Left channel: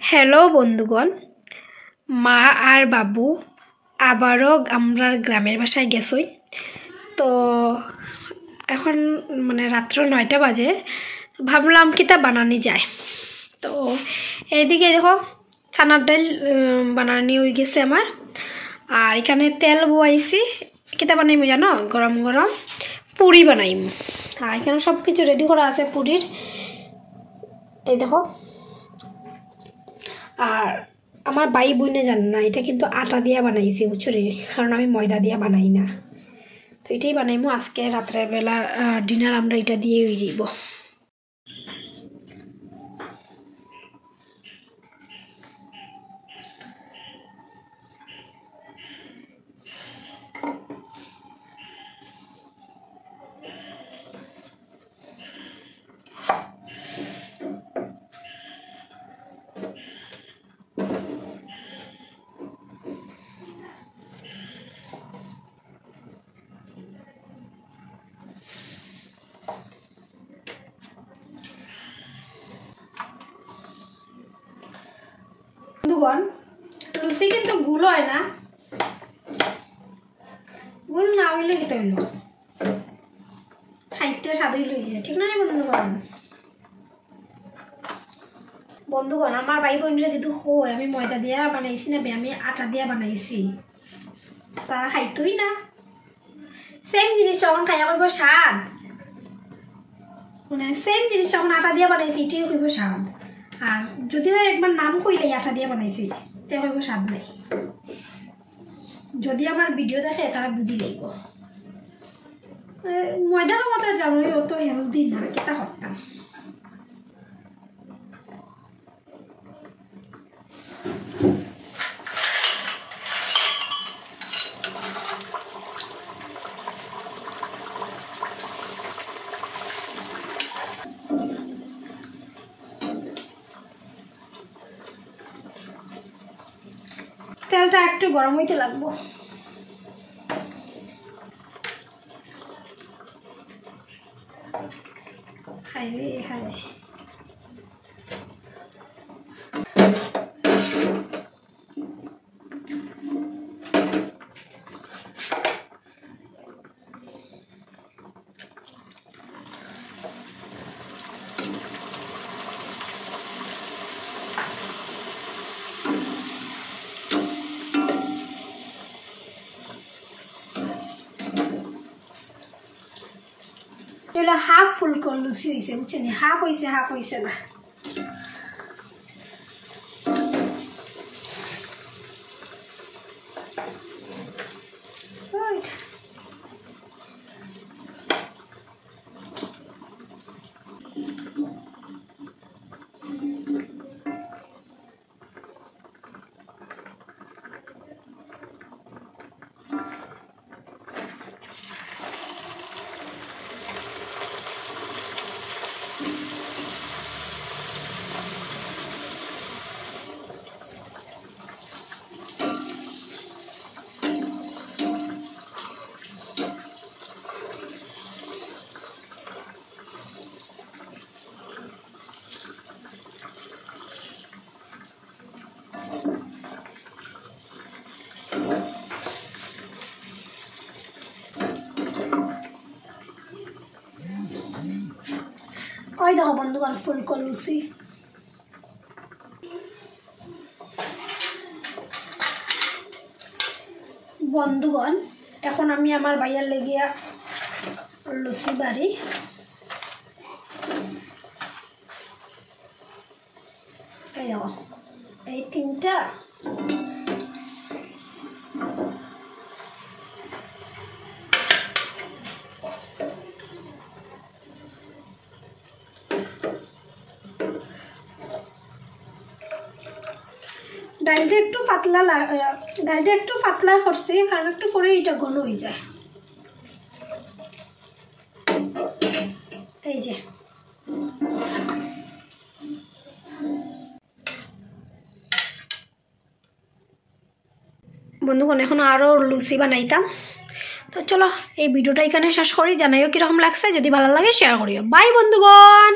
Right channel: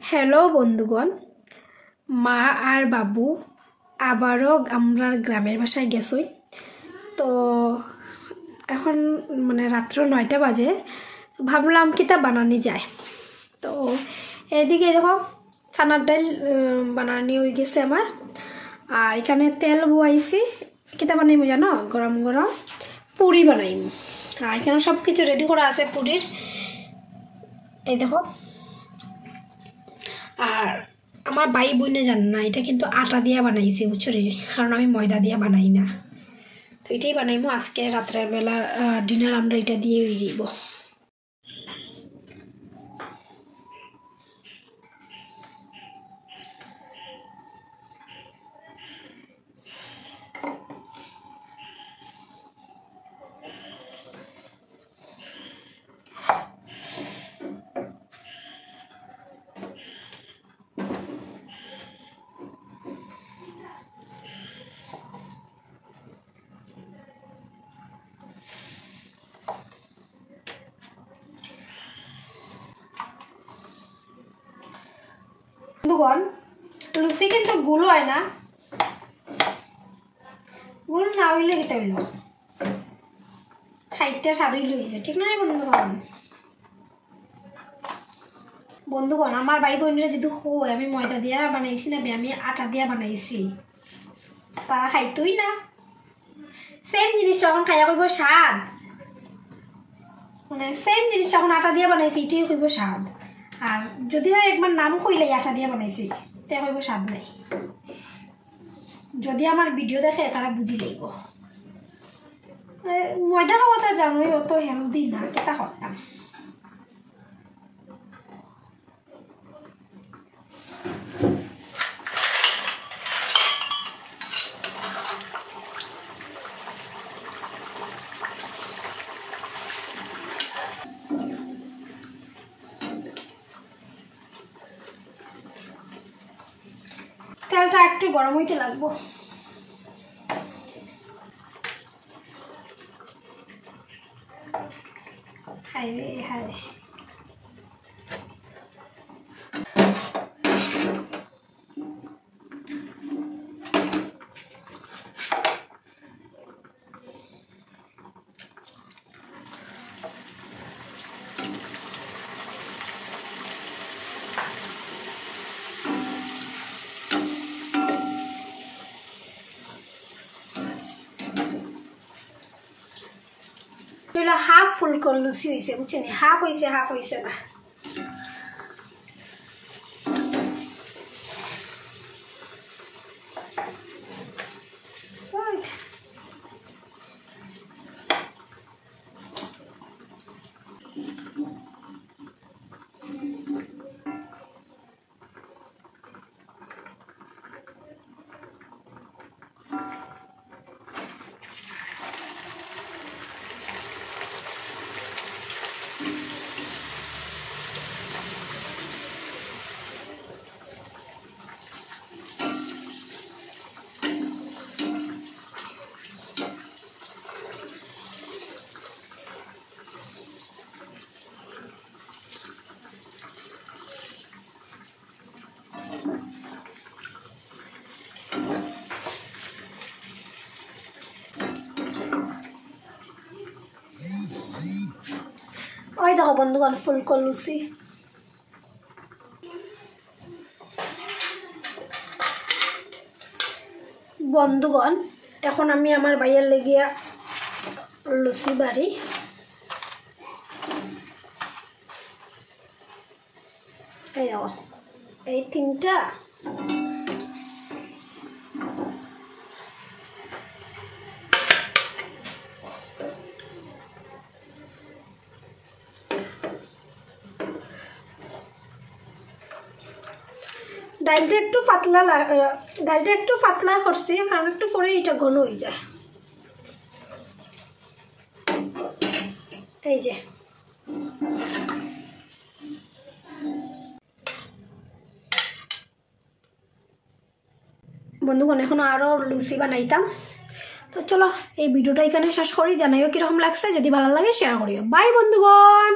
হ্যালো বন্ধুগণ, মা আর বাবু আবারও আমরা গ্রামের বাসায় গেছই। তো এখন রাত্র 9টা বাজে, ভাবলাম কিতা বানানি যায়। তো এইদিকে দেখো চানার ডাল বানানি হয়ে গেছে আমার। আর এখানে তেল বয়াইছি, কিতা বানাইমু জানো? গরম গরম পুরি বানাইমু। আর এখানে সব কিছু রেডি করা আছে পুরির, এই দেখো। আর আমার ভাই বোনে জান না, এটা কিন্তু আটা দিয়ে বানাইছি বুঝছো রে, কারণ আমি ময়দা দিয়ে বানাই না। তো এটাই বানাইমু আজকে রাত্রের বেলা ডিনার, আমরা এটা দিয়ে হয়ে যাইব। বন্ধুগণ, লুচি কিন্তু গুল হয় না, গুল না হইলে খেতে হইল খাইতে স্বাদ হইলে হয়েছে, ঠিক না বন্ধুগণ? বন্ধুগণ, আমার ভাই বোনরা যদি হয় আমি ময়দা দিয়ে বানাইছি না, আমি আটা দিয়ে বানাইছি, তারা খাইতই না। সেম জিনিস যখন খাইয়া কইব স্বাদ, সেম জিনিস যখন আটা দিয়ে বানাইছি এটাই কইব স্বাদ। আর যদি একবার নাম কইলে আটা দিয়ে বানাইছি তে কইব স্বাদ নাই। যদি আমার ভিডিও দেখে তারা বুঝি লইব। ময়দা খাওয়া তো জানোই অত হেলদি না, কেটা করতাম। তেলটা একটু গরম হইতে লাগবো। খাইলে খাইলে হাফ ফুল করে লুচি হয়েছে বুঝছেন, হাফ হয়েছে না। ওই দেখো বন্ধুগণ, ফুলকো লুচি। বন্ধুগণ, এখন আমি আমার ভাইয়ের লেগিয়া লুচি বাড়ি। এই দেখো এই তিনটা, ডালটা একটু পাতলা করছি, আর একটু পরে এটা ঘন হয়ে যায়। এই যে বন্ধুগণ, এখন আরও লুচি বানাইতাম। তো চলো এই ভিডিওটা এখানে শেষ করি। জানাইও কীরকম লাগছে, যদি ভালো লাগে শেয়ার করিও। বাই বন্ধুগণ।